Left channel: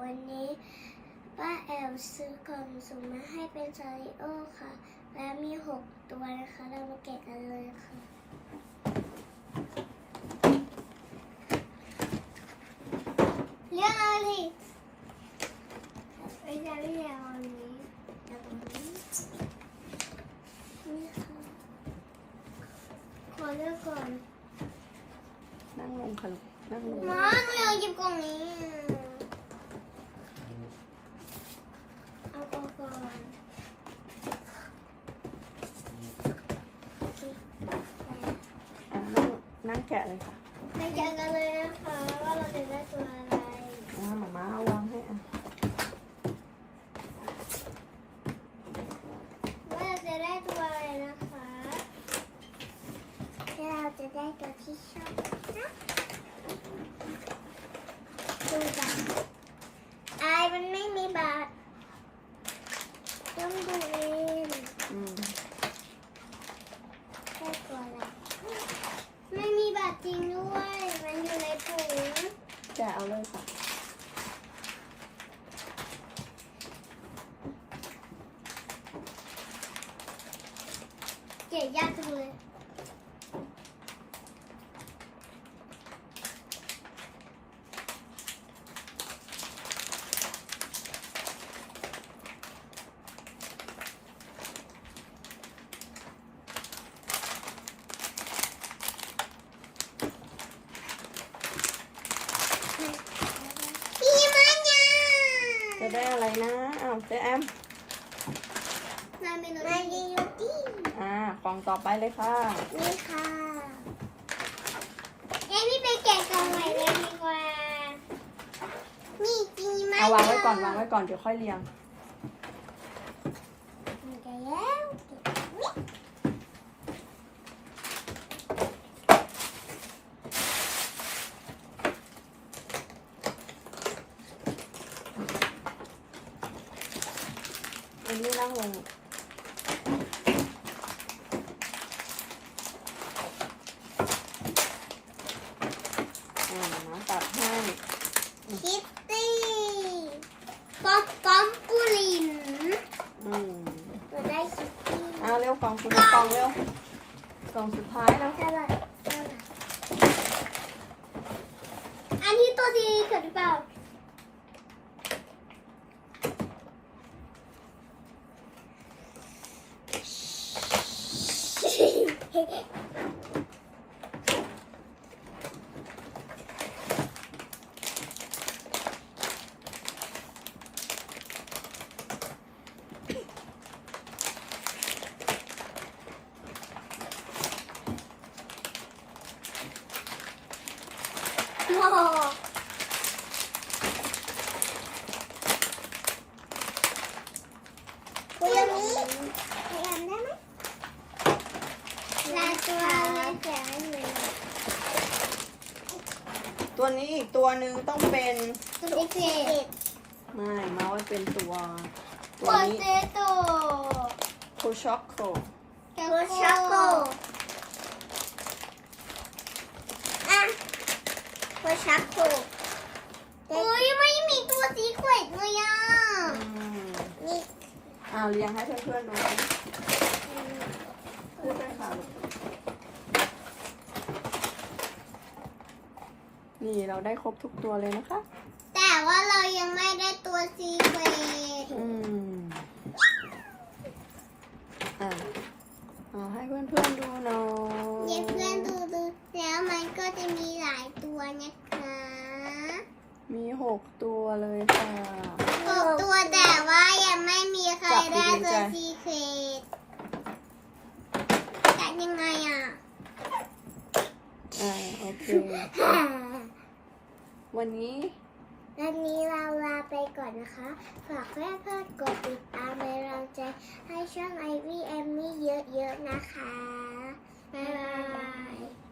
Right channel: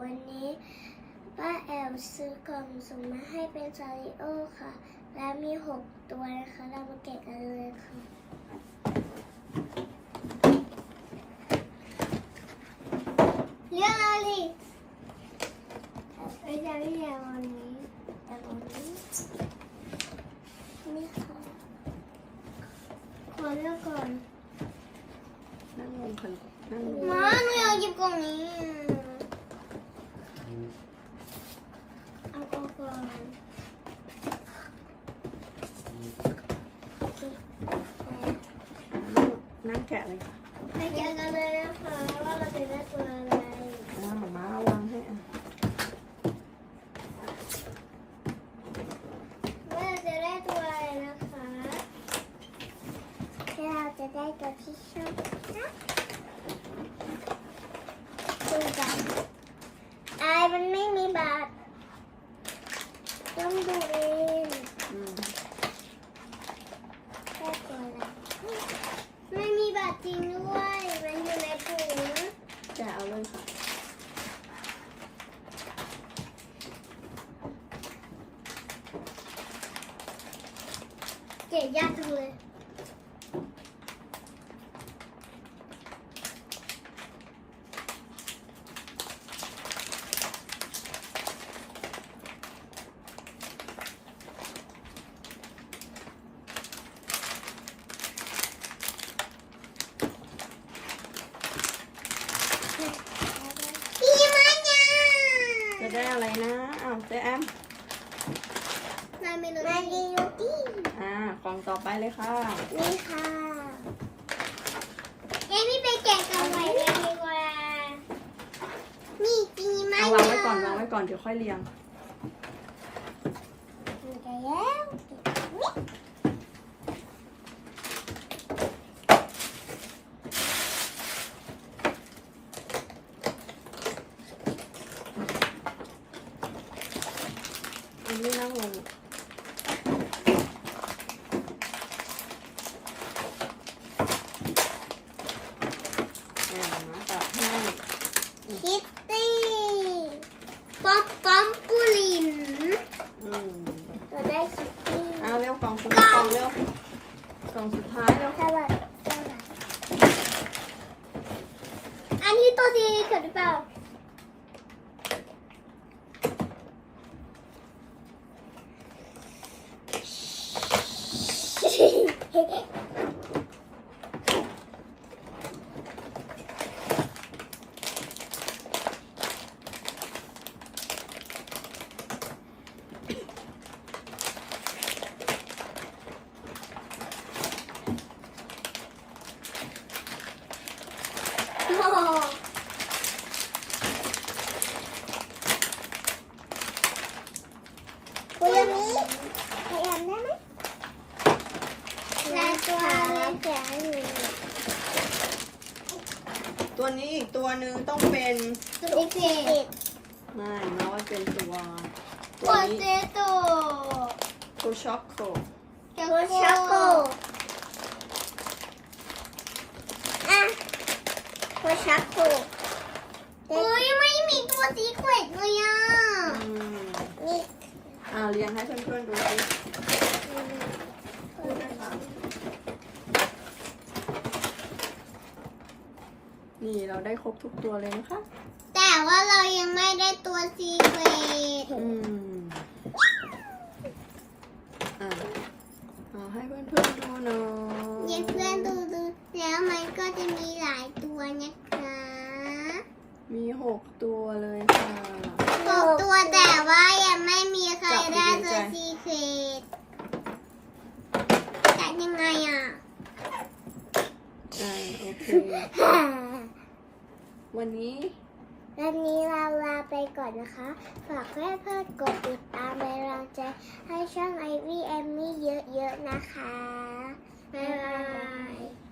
วันนี้ป้าแอลซื้อกล่องสุ่มมาให้เป็นซาริโอค่ะ และมีหกตัวนะคะ เรามาแกะกันเลยค่ะเรื่องอะไรไอ้ยาไม่ยาวอันนี้อันนี้นี่ค่ะขอเลือกก่อนมาหนูอยากหยิบกล่องนี้อะเอากล่องก่อนโอเค น่าแกะเลยค่ะไปแกะกันเลยนะคะว่าเราจะได้ตัวอะไรน้าหมาม้าวางให้อะว่าเราจะได้ตัวอะไรนะคะเราจะได้ตัวที่ชอบนะดูกันไอ้มันไม่มีบาทต้องดูเอง อืม แค่ตัวละไม่มีบาทจริงด้วย มันอยู่ในถุง แกะเอาเลยค่ะ เก๋ยากจังเลยพี่ มันยาจะได้อะไรนะอ้าวเจ๊แอมมาเมโลดี้มาเมโลดี้อ่ากล่องต่อไปเลยค่ะ นี่ค่ะเอ้พี่ไปแกะกล่องใหม่เลยดีกว่า นี่จีมันเอาวางไว้ก่อนวางไว้ก่อนเดี๋ยวค่อยเรียงไปแล้ว อันนี้นั่งลงอ่าน้ำตัดให้ คิ ตตี้ป๊อปป๊อมปูลินอืมเราได้คิตตี้เอาเร็วกล่องสุดท้ายกล่องเร็วกล่องสุดท้ายเร็วสวัสดีค่ะอันนี้ตัวดีเกิดหรือเปล่าโอ้ คุยมีพยายามได้ไหมลาตัวลาแสงอยู่ตัวนี้อีกตัวหนึ่งต้องเป็นสุดเด็ดอ่าน้อยเป็นตัวโคตัวเซนี้โตโคช็อกโคโคช็อกโกอะโค ช็อกโกโอ้ยยังไม่มีตัวสีเขวดเลยอะอืมนี่อ่าเรียงให้เพื่อนๆดูสินี่เราได้ครบทุกตัวเลยนะคะ แต่ว่าเรายังไม่ได้ตัวสีเขวดอืมอ่าเอาให้เพื่อนๆดูหน่อย จะมีหลายตัวนะคะมีหกตัวเลยค่ะ หกตัวแต่ว่ายังไม่มีใครได้ตัวสีเขวดจัดยังไงอะอ่าโอเค วันนี้วันนี้เราลาไปก่อนนะคะ ฝากเพื่อนๆกดติดตามเป็นกำลังใจให้ช่องไอวี่แอมมี่เยอะๆนะคะ บ๊ายบาย